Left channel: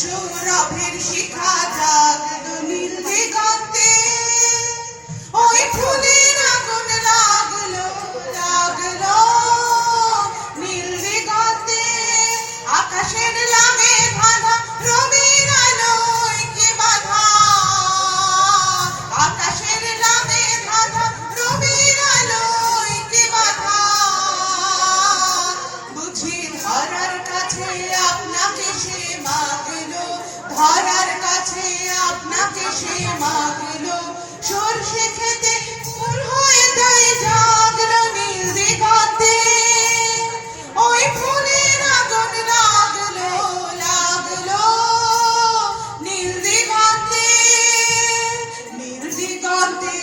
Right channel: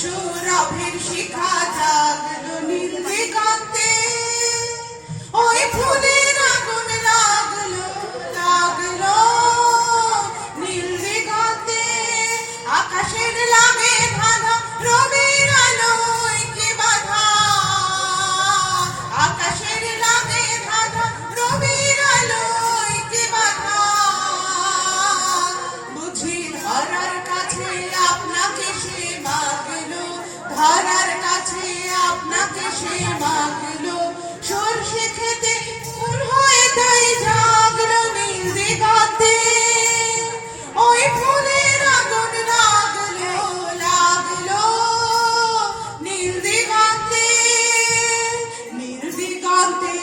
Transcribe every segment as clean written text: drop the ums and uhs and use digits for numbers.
সৌরভের শিখা জাগলো নীল দিগন্তে, ওই ফুলের আগুন লাগলো লাগলো নীল দিগন্তে। আকাশের লামে বাঁধা রবির আলোয় কি বাধা, আকাশের লামে বাঁধা রবির আলোয় কি বাধা। বুঝি ধরার কাছে আপনাকে সে মাগলো, ধরার কাছে আপনাকে সে মাগলো। সরষে খেতে ফুল হয়ে তাই জাগলো নীল দিগন্তে, ওই ফুলের আগুন লাগলো লাগলো নীল দিগন্তে। নীল দিগন্তে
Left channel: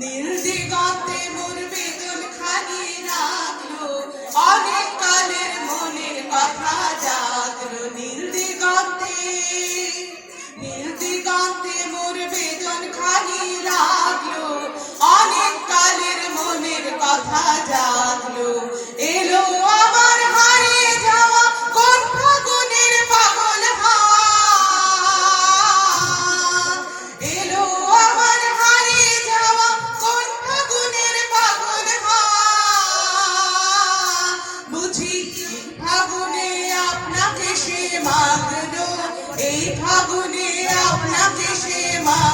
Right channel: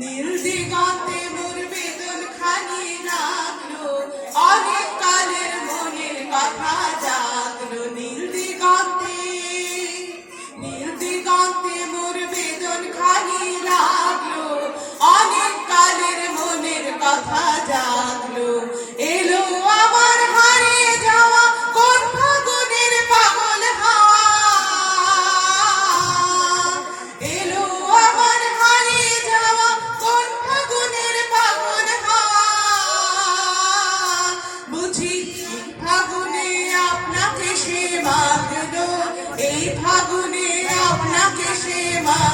নীল দিগন্তে মোর বেদন খানি লাগলো, অনেক কালের মনের কথা জাগলো নীল দিগন্তে। নীল দিগন্তে মোর বেদন খানি লাগলো, অনেক কালের মনের কথা জাগলো। এলো আমার হারিয়ে যাওয়া কোন ফাগুনের পাগল হাওয়া, এলো আমার হারিয়ে যাওয়া কোন ফাগুনের পাগল হাওয়া। বুঝি ফাগুনে আপনাকে সে মাগলো, এই ফাগুনে আপনাকে সে মাগলো।